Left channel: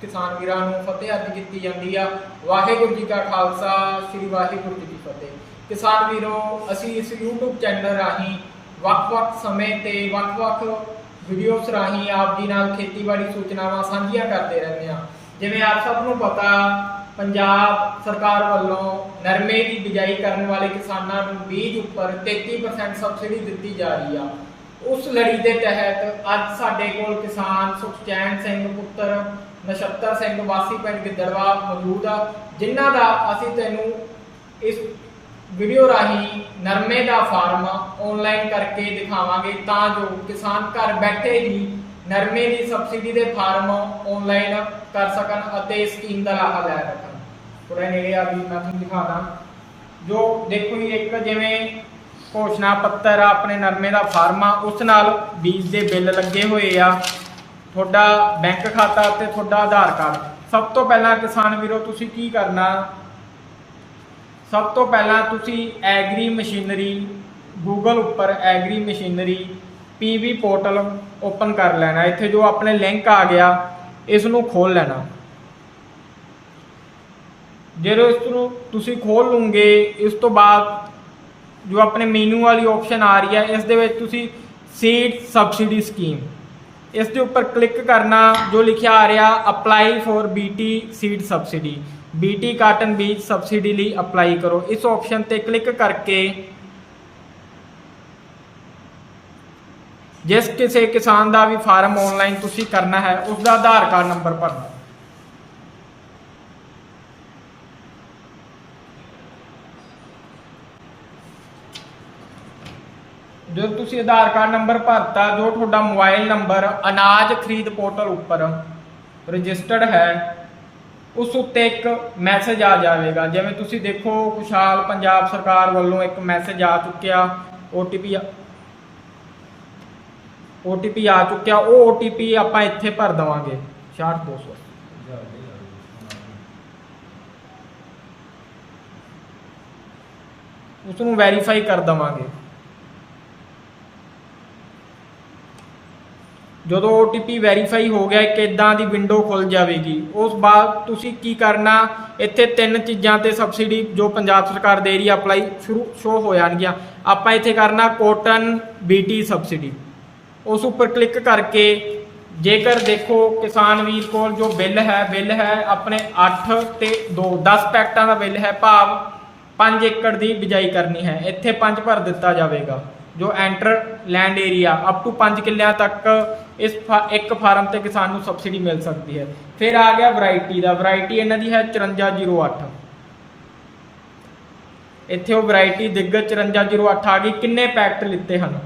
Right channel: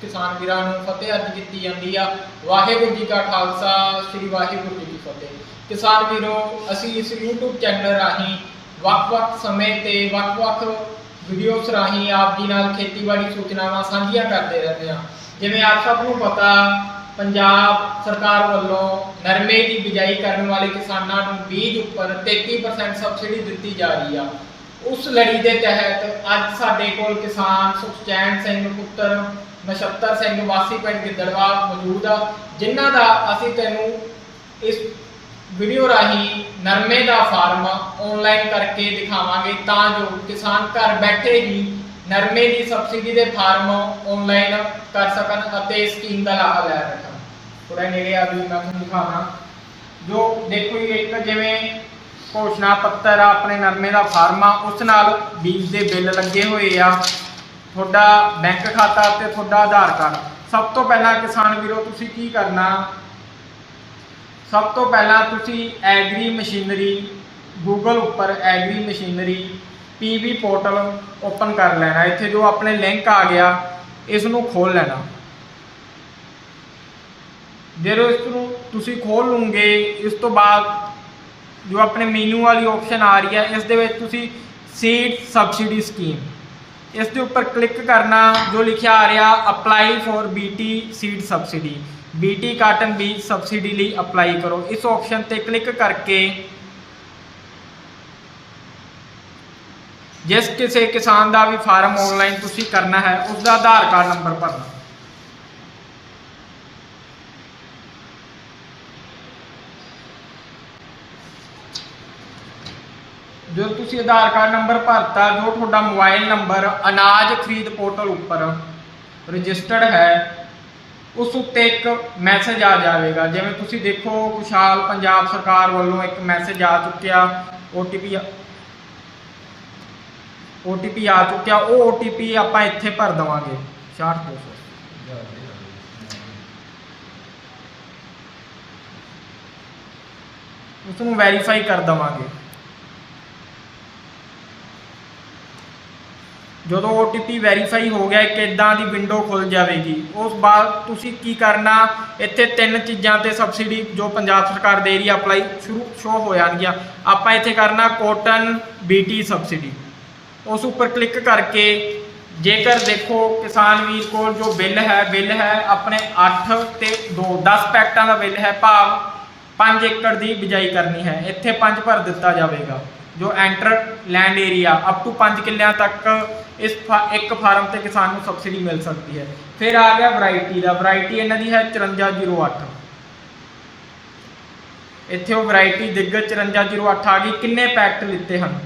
ਕਿਸਾਨ ਵੀਰਾਂ ਨੂੰ ਫਤਿਹ ਅਰਜ ਕੀਤੀ ਜਾਂਦੀ ਆ। ਵਾਹਿਗੁਰੂ ਜੀ ਕਾ ਖਾਲਸਾ, ਸ੍ਰੀ ਵਾਹਿਗੁਰੂ ਜੀ ਕੀ ਫਤਿਹ। ਕਿਸਾਨ ਵੀਰੋ, ਅਸੀਂ ਇਸ YouTube ਚੈਨਲ ਰਾਹੀਂ ਵੱਖ-ਵੱਖ ਸਮੇਂ ਤੇ ਵੱਖ-ਵੱਖ ਵੀਡੀਓਜ਼ ਰਾਹੀਂ ਆਪ ਜੀ ਨਾਲ ਖੇਤੀਬਾੜੀ ਸੂਚਨਾਵਾਂ ਸਾਂਝੀਆਂ ਕਰਦੇ ਰਹਿੰਦੇ ਹਾਂ। ਜਿਵੇਂ ਆਪ ਸਭ ਨੂੰ ਪਤਾ, ਪੰਜਾਬ ਸਰਕਾਰ ਵੱਲੋਂ ਨਰਮੇ ਦੀ ਬਿਜਾਈ ਕਰਨ ਵਾਲੇ ਕਿਸਾਨਾਂ ਨੂੰ ਬੀਜ ਉੱਪਰ 33% ਸਬਸਿਡੀ ਦਿੱਤੀ ਜਾ ਰਹੀ ਆ। ਉਸ ਲੜੀ ਦੇ ਤਹਿਤ ਅੱਜ ਸਾਡੇ ਕੋਲ ਕਿਸਾਨ ਸੁਖਚੈਨ ਸਿੰਘ ਪੁੱਤਰ ਨਛੱਤਰ ਸਿੰਘ ਵਾਸੀ ਪਿੰਡ ਗਿੱਦੜਵਾ ਮੌਜੂਦ ਆ, ਜਿਨ੍ਹਾਂ ਦਾ ਅਸੀਂ ਤੈਨੂੰ ਇਸ ਵੀਡੀਓ ਰਾਹੀਂ ਨਰਮੇ ਦਾ ਫਾਰਮ ਆਨਲਾਈਨ ਕਰਕੇ ਦਿਖਾਵਾਂਗੇ, ਤਾਂ ਜੋ ਕਿਸਾਨ ਘਰ ਬੈਠੇ ਹੀ ਨਰਮੇ ਦੀ ਸਬਸਿਡੀ ਦੇ ਫਾਰਮ ਆਨਲਾਈਨ ਕਰ ਸਕਣ ਅਤੇ ਸਕੀਮ ਦਾ ਲਾਭ ਲੈ ਸਕਣ। ਥੋੜਾ ਨੇੜੇ ਆ ਵੀ ਮੈਂ ਤੁਹਾਨੂੰ ਦਿਖਾਉਣਾ ਜੋ ਦੇਖੋ ਜੀ, ਇੱਕ ਜਿਵੇਂ ਘੋਸ਼ਣਾ ਪੱਤਰ ਆ, ਆਪਣੇ ਨਰਮੇ ਦਾ ਫਾਰਮ ਆ, ਉਸ ਨਾਲ ਬੀਜ ਦੇ ਬਿੱਲ ਲੱਗੇ ਹੋਏ ਆ। ਤੁਹਾਡਾ ਬੈਂਕ ਖਾਤਾ ਤੇ ਤੁਹਾਡਾ ਆਧਾਰ ਕਾਰਡ। ਸਭ ਤੋਂ ਪਹਿਲਾਂ ਕਿਸਾਨ ਵੀਰੋ, ਤੁਸੀਂ ਕੀ ਕਰਨਾ? ਸਭ ਤੋਂ ਪਹਿਲਾਂ ਤੁਸੀਂ ਐਗਰੀ ਮਸ਼ੀਨਰੀ ਗੂਗਲ ਉੱਪਰ agri machinery PV portal open ਕਰ ਲੈਣਾ। ਇੱਥੇ ਜੋ ਆਪਣੇ ਲਿੰਕ ਆ ਗਿਆ, ਇਸ ਨੂੰ ਖੋਲ ਲੈਣਾ। ਜਦੋਂ ਇਸ ਨੂੰ ਤੁਸੀਂ ਖੋਲ ਲਓਗੇ ਇਸ ਤੋਂ ਬਾਅਦ ਜੋ ਆਪਣੇ ਮੈਨੂ ਵਾਲੀ ਆਪਸ਼ਨ ਆ ਰਹੀ ਹੈ, ਇਸ ਦੇ ਵਿੱਚ ਤੁਸੀਂ ਸੀਡ ਸਬਸਿਡੀ ਸਕੀਮ ਇਸ ਦੇ ਉੱਪਰ ਕਲਿੱਕ ਕਰਨਾ, ਜੋ ਲਿਖਿਆ ਆ ਰਿਹਾ apply for BT seed subsidy BT cotton ਬੀਜ ਸਬਸਿਡੀ ਲਈ ਅਪਲਾਈ ਕਰੋ। ਇਸ ਆਪਸ਼ਨ ਤੇ ਕਲਿੱਕ ਕਰਕੇ ਜਿਸ ਕਿਸੇ ਕਿਸਾਨ ਦਾ ਵੀ ਫਾਰਮ ਆਨਲਾਈਨ ਤੁਸੀਂ ਕਰਨਾ ਹੈ ਉਸ ਦਾ ਆਧਾਰ ਕਾਰਡ ਨੰਬਰ ਭਰਨਾ ਜਦੋਂ ਤੁਸੀਂ ਆਧਾਰ ਕਾਰਡ ਨੰਬਰ ਭਰਤਾ, ਜੋ ਤੁਹਾਡਾ ਮੋਬਾਈਲ ਨੰਬਰ, ਅਨਾਜ ਖਰੀਦ ਪੋਰਟਲ ਉੱਪਰ ਰਜਿਸਟਰਡ ਹੈ, ਉਸ ਉੱਤੇ ਇੱਕ ਮੈਸੇਜ ਆ ਜਾਵੇਗਾ। ਜਿਵੇਂ ਤੁਸੀਂ ਦੇਖੋ, ਖੁਸ਼ਹਾਲ ਪੰਜਾਬ ਸਰਕਾਰ ਵੱਲੋਂ ਇੱਕ ਮੈਸੇਜ ਆ ਚੁੱਕਿਆ OTP OTP ਆ ਚੁੱਕਿਆ, ਉਹ OTP ਆਪਾਂ ਇੱਥੇ ਭਰ ਦਵਾਂਗੇ। ਸ਼ਾਰਟ ਪੋਸਟ ਉਸ ਨੂੰ ਵੈਰੀਫਾਈ ਕਰ ਦਵਾਂਗੇ। ਜਦੋਂ OTP ਵੈਰੀਫਾਈ ਹੋ ਗਿਆ ਇੱਕ ਇਦਾਂ ਦੀ ਵਿੰਡੋ ਖੁੱਲ ਜਾਵੇਗੀ, ਉਸ ਬਾਅਦ ਤੁਸੀਂ ਕੀ ਕਰਨਾ? ਇੱਥੇ ਤਿੰਨ ਚੀਜ਼ਾਂ ਤੇ ਸਬਸਿਡੀ ਜੋ ਪੰਜਾਬ ਸਰਕਾਰ ਦੇ ਰਹੀ ਹੈ ਅਪਲਾਈ ਸ਼ੁਰੂ ਸ਼ੋ ਹੋ ਜਾਣਗੀਆਂ। ਆਪਾਂ ਇੱਥੇ ਕਰਨਾ ਕੋਟਨ BT ਸਬਸਿਡੀ ਉਸ ਉੱਪਰ ਕਲਿੱਕ ਕਰਕੇ ਜੇਕਰ ਦੇਖੋ ਕਿਸਾਨ ਵੀਰ ਕੋਲ ਜੋ ਬਿੱਲ ਹੈ ਬਿੱਲ ਹੈ ਆਪਣੇ 8 ਤੇ 2 10 ਪੈਕਟਾਂ ਦਾ ਬਿੱਲ ਹੈ ਭਾਵ 5 ਏਕੜ ਦੀ ਬਿਜਾਈ ਕਰਨੀ ਹੈ। ਇੱਥੇ 5 ਭਰ ਦਿੱਤਾ ਜਾਵੇਗਾ। ਜੋ enter land area up to 5 ਕਿੱਲਿਆਂ ਤੱਕ ਇਸ ਫਾ- ਇੱਕ ਫਾਰਮ ਤੇ ਕਿਸਾਨ ਨੂੰ ਸਬਸਿਡੀ ਮਿਲ ਸਕਦੀ ਹੈ। ਫਿਰ ਆ ਗਿਆ ਵੈਰਾਈਟੀ ਦਾ ਵੈਰਾਈਟੀ ਇਹਨਾਂ ਦੀ ਹੈ 5408 ਇੱਥੇ ਉਹ ਵੈਰਾਈਟੀ ਦਿੱਗਜ 5408 ਆ ਗਈ, ਕਿੰਨੇ ਪੈਕਟ ਲਿੱਤੇ ਹਨ?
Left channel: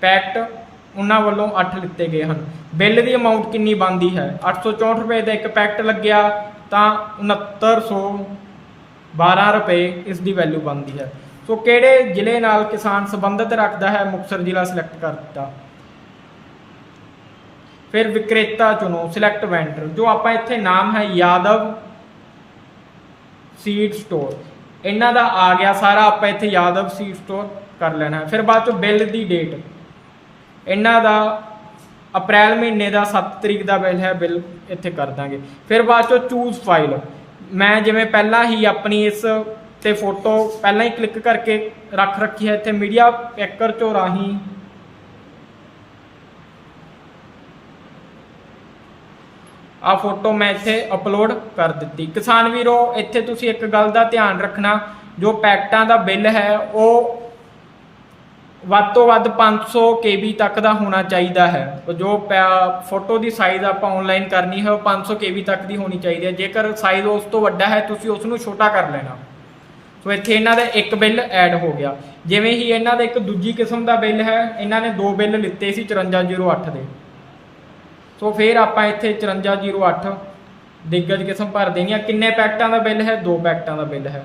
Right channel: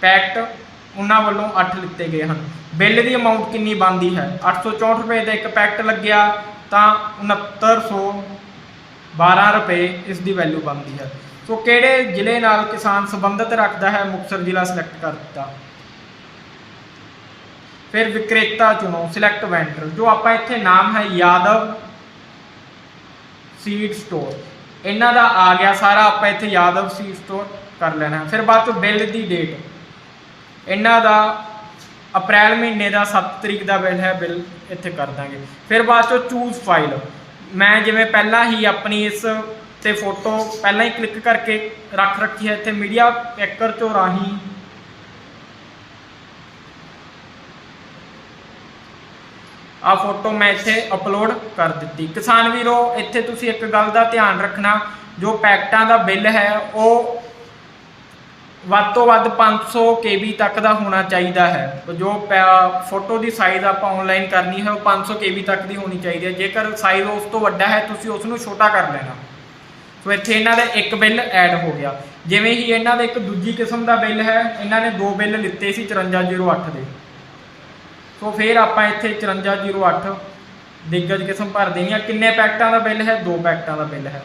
ਪੈਕਟ ਉਹਨਾਂ ਵੱਲੋਂ 8 ਲਿੱਤੇ ਗਏ ਹਨ। ਬਿੱਲ ਦੀ ਅਮਾਉਂਟ ਕਿੰਨੀ ਬਣਦੀ ਹੈ? 864 ਰੁਪਏ ਦਾ ਇੱਕ ਪੈਕਟ ਲੱਗਿਆ, ਤਾਂ 6912 ਰੁਪਏ ਇਸ ਦੀ ਵੈਲਿਊ ਬਣਦੀ ਹੈ। ਸੋ ਕਿਹੜੇ ਜ਼ਿਲ੍ਹੇ ਨਾਲ ਕਿਸਾਨ ਸੰਬੰਧਿਤ ਰੱਖਦਾ ਹੈ ਮੁਕਤਸਰ ਜ਼ਿਲ੍ਹਾ ਸਿਲੈਕਟ ਕਰ ਦਿੱਤਾ? ਫਿਰ ਵਿਕਰੇਤਾ ਚੁਣੋ ਸਿਲੈਕਟ ਵੈਂਡਰ ਜੋ ਆਪਾਂ ਇੱਥੇ ਨਾਮ ਹੈ ਯਾਦਵ ਸੀਡ ਸਟੋਰ ਇਹਨਾਂ ਦਾ ਆ ਗਿਆ ਸਾਰਾ, ਆਪਾਂ ਇੱਥੇ ਯਾਦਵ ਸੀਡ ਸਟੋਰ ਕਰ ਲੈਣਾ ਫਿਰ ਬਾਅਦ ਚੋਂ ਬਿੱਲ ਦੀ ਡੇਟ ਇਹਨਾਂ ਦਾ ਅਪ੍ਰੈਲ ਮਹੀਨੇ ਦਾ 7 ਤਰੀਕ ਦਾ ਬਿੱਲ ਹੈ, ਬਿੱਲ ਇੱਥੇ ਕਰ ਦਾਂਗੇ। ਫਿਰ ਬਾਅਦ ਚੋਂ ਚੂਜ਼ ਫਾਈਲ ਮੈਂ ਜਿਵੇਂ ਪਹਿਲਾਂ ਹੀ ਆਪਣੀ ਇਸ ਤੇ ਫੋਟੋ ਪਹਿਲਾਂ ਹੀ ਕਲਿੱਕ ਕਰਕੇ ਰੱਖ ਰੱਖੀ ਹੈ ਇੱਥੇ ਮੀਡੀਆ ਪੈਕਰ ਤੋਂ ਰਾਹੀਂ। ਆ ਫੋਟੋ ਮੈਂ ਇੱਥੇ ਅਪਲੋਡ ਕਰ ਦਿੱਤੀ। ਕਿਸਾਨ ਵੀਰੋ, ਇੱਥੇ ਤੁਸੀਂ ਇੱਕ ਗੱਲ ਦਾ ਧਿਆਨ ਰੱਖਣਾ, ਜੋ ਪੈਕਟਾਂ ਦਾ ਬਿੱਲ ਹੈ, ਉਹ ਵੱਧ ਤੋਂ ਵੱਧ 500 KB ਤੱਕ ਦਾ ਹੋਣਾ ਚਾਹੀਦਾ ਹੈ। ਜੋ ਪੈ- ਫੋਟੋ ਦੀ ਸਾਈਜ਼ ਆਪਾਂ ਆਨਲਾਈਨ ਕਰਨੀ ਹੈ, ਉਹ 500 KB ਤੱਕ ਦੀ ਹੋਣੀ ਚਾਹੀਦੀ ਹੈ। ਜੇਕਰ ਸਾਈਜ਼ ਉਸ ਤੋਂ ਵੱਡਾ ਹੈ, ਤੁਸੀਂ ਉਸ ਨੂੰ ਛੋਟਾ ਕਰ ਲੈਣਾ। ਸੋ ਇੱਥੇ ਇਹਨਾਂ ਦਾ ਇੱਕ ਬਿੱਲ ਐਡ ਹੋ ਗਿਆ। ਜਿਵੇਂ ਹੀ ਇਹਨਾਂ ਦਾ ਇੱਕ ਦੂਜੀ ਕਿਸਮ ਦਾ ਬਿੱਲ ਹੈ, ਇਹਨਾਂ ਨੇ ਦੋ ਬਿੱਲ ਲਿੱਤੇ ਸੀ 5408 ਦੇ। ਸੋ ਫਿਰ ਆਪਾਂ ਇੱਥੇ 5408 ਦਿੱਗਜ ਕਿਸਮ ਭਰ ਦੇਣੀ ਆ। ਕਿੰਨੇ ਪੈਕਟਾਂ ਦਾ ਬਿੱਲ ਹੈ? ਦੋ ਪੈਕਟਾਂ ਦਾ ਬਿੱਲ ਹੈ।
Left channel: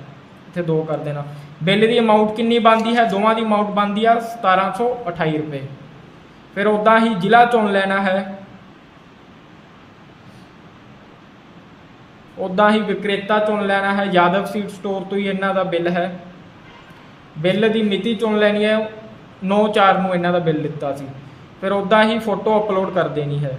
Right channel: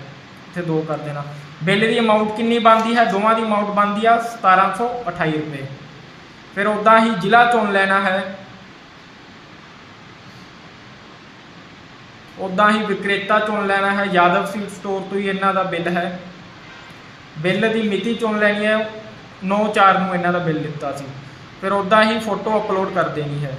ਇੱਥੇ ਦੋ ਕਰ ਦੇਣਾ। ਬਿੱਲ ਦੀ ਅਮਾਉਂਟ ਕਿੰਨੀ ਬਣਦੀ ਹੈ? ਦੋਵਾਂ ਦੀ ਅਮਾਉਂਟ ਬਣਦੀ ਆ 1728 ਰੁਪਏ। ਫਿਰ ਉਦਾਂ ਹੀ ਜ਼ਿਲ੍ਹਾ ਚੁਣ ਲੈਣਾ ਹੈ। ਉਦਾਂ ਹੀ ਵਿਕਰੇਤਾ ਚੁਣ ਲੈਣਾ ਹੈ। ਯਾਦਵ ਸੀਡ ਸਟੋਰ ਤੋਂ ਹੀ ਇਹਨਾਂ ਦਾ ਬਿੱਲ ਹੈ। ਬਿੱਲ ਦੀ ਮਿਤੀ ਚੁਣ ਲੈਣੀ ਹੈ। 9-4 ਨੂੰ ਇਹਨਾਂ ਦਾ ਬਿੱਲ ਦਿੱਤਾ ਸੀ। ਫਿਰ ਉਦਾਂ ਹੀ ਫੋਟੋ ਅਪਲੋਡ ਕਰ ਦੇਣੀ ਹੈ।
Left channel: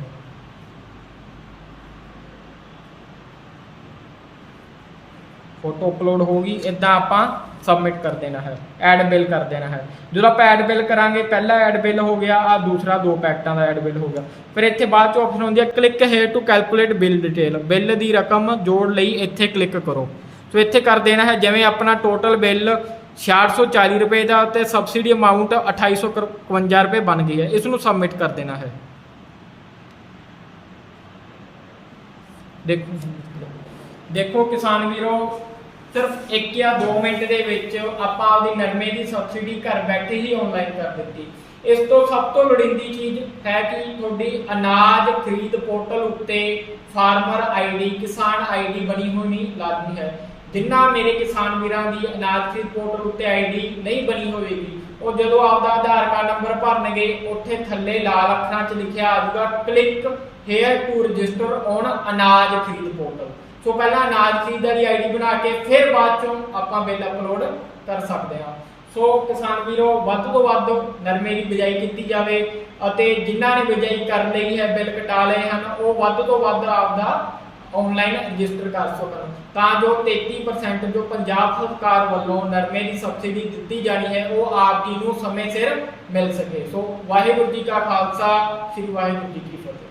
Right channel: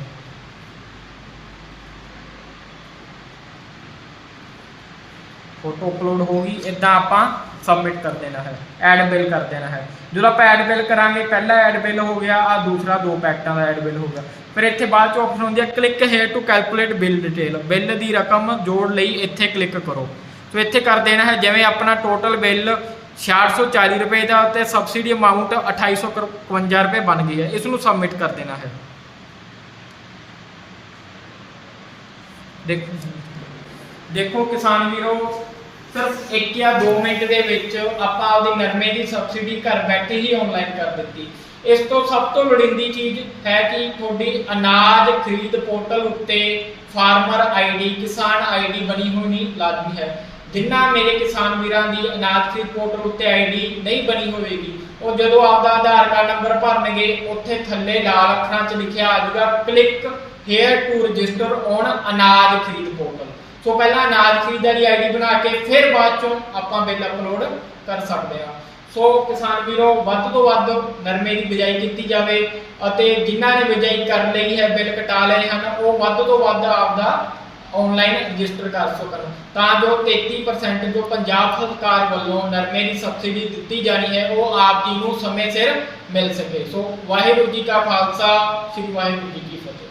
ਫੋਟੋ ਅਪਲੋਡ ਹੋ ਗਈ। ਇਦਾਂ ਆਪਾਂ ਸਬਮਿਟ ਕਰ ਦੇਣਾ ਹੈ ਐਡ ਬਿੱਲ ਕਰ ਦੇਣਾ ਹੈ। ਜਦੋਂ ਆਪਾਂ ਐਡ ਬਿੱਲ ਕਰਾਂਗੇ, ਪਹਿਲਾ ਐਡ ਬਿੱਲ ਹੋ ਗਿਆ ਆ ਦੂਸਰਾ ਦੋ ਪੈਕਟਾਂ ਦਾ ਐਡ ਬਿੱਲ ਹੋ ਗਿਆ। ਫਿਰ ਇੱਥੇ ਬਾਅਦ ਚ ਆਪਸ਼ਨ ਹੁੰਦੀ ਹੈ click here to calculate bill detail bill ਦੀ ਰਕਮ ਜੋੜ ਲਈ ਇੱਥੇ ਕਲਿੱਕ ਕਰੋ। ਸੋ ਇੱਥੇ ਕਰ ਦੇਣਾ ਹੈ, ਜਿਵੇਂ ਆਪਣਾ ਟੋਟਲ ਬਿੱਲ 640 ਰੁਪਏ ਦਾ ਤੇ ਸਬਸਿਡੀ ਅਮਾਉਂਟ 2851 ਰੁਪਏ ਬਣ ਗਈ ਹੈ, ਇਸ ਨੂੰ ਸਬਮਿਟ ਕਰ ਦੇਣਾ ਹੈ। ਦੇਖੋ। ਦੇਖੋ ਕਿਸਾਨ ਵੀਰੋ ਸਿਰਫ 1 ਜਾਂ 2 ਮਿੰਟ ਦੇ ਵਿੱਚ ਆਪਾਂ ਆਪਦੀ ਨਰਮੇ ਦੀ ਸਬਸਿਡੀ ਘਰ ਬੈਠੇ ਹੀ ਆਨਲਾਈਨ ਕਰ ਦਿੱਤੀ। ਇਸ ਤੋਂ ਸਭ ਤੋਂ ਲੋੜੀਂਦੀ ਚੀਜ਼ ਹੈ ਕਿ ਤੁਹਾਡੀ ਅਨਾਜ ਖਰੀਦ ਪੋਰਟਲ ਉੱਤੇ ਫਾਰਮਰ ਆਈਡੀ ਕਿਸਾਨ ਆਈਡੀ ਬਣੀ ਹੋਣੀ ਲਾਜ਼ਮੀ ਹੈ। ਜਿਨ੍ਹਾਂ ਮੇਰੇ ਕਿਸਾਨ ਵੀਰਾਂ ਦੀ ਅਨਾਜ ਖਰੀਦ ਪੋਰਟਲ ਉੱਤੇ ਆਈਡੀ ਨਹੀਂ ਬਣੀ ਹੋਵੇਗੀ, ਉਹ ਜਦੋਂ ਆਪਦਾ ਆਧਾਰ ਕਾਰਡ ਨੰਬਰ ਭਰਨਗੇ, ਉੱਥੇ ਥੱਲੇ ਲਾਲ ਅੱਖਰਾਂ 'ਚ ਲਿਖਿਆ ਆ ਜਾਊਗਾ click here to register on ਅਨਾਜ ਖਰੀਦ ਪੋਰਟਲ। ਸੋ ਪਹਿਲਾਂ ਅਨਾਜ ਖਰੀਦ ਵਾਲੀ ਆਈਡੀ ਬਣਾ ਕੇ ਫਿਰ ਬਾਅਦ ਚੋਂ ਆਪਾਂ ਬਿੱਲ ਅਪਲੋਡ ਕਰ ਸਕਦੇ ਹਾਂ। ਸੋ ਕਿਸਾਨ ਵੀਰੋ, ਵੱਧ ਤੋਂ ਵੱਧ ਨਰਮੇ ਦੀ ਬਿਜਾਈ ਕੀਤੀ ਜਾਵੇ ਅਤੇ ਜਿਨ੍ਹਾਂ ਨੇ ਬਿਜਾਈ ਕਰ ਲਈ ਹੈ ਬਿੱਲ ਕਟਾ ਲਏ ਹਨ, ਉਹ ਵੱਧ ਤੋਂ ਵੱਧ ਆਪਦਾ ਆਨਲਾਈਨ ਰਜਿਸਟਰ ਕਰ ਸਕਣ। ਤਾਂ ਜੋ 33% ਜੋ ਪੰਜਾਬ ਸਰਕਾਰ ਵੱਲੋਂ ਨਰਮੇ ਦੀ ਸਬਸਿਡੀ ਦਿੱਤੀ ਜਾਣੀ ਹੈ, ਉਹ ਆਪ ਜੀ ਨੂੰ ਸਮੇਂ ਸਿਰ ਮਿਲ ਸਕੇ। ਸੋ ਵਾਹਿਗੁਰੂ ਜੀ ਕਾ ਖਾਲਸਾ, ਸ੍ਰੀ ਵਾਹਿਗੁਰੂ ਜੀ ਕੀ ਫਤਿਹ।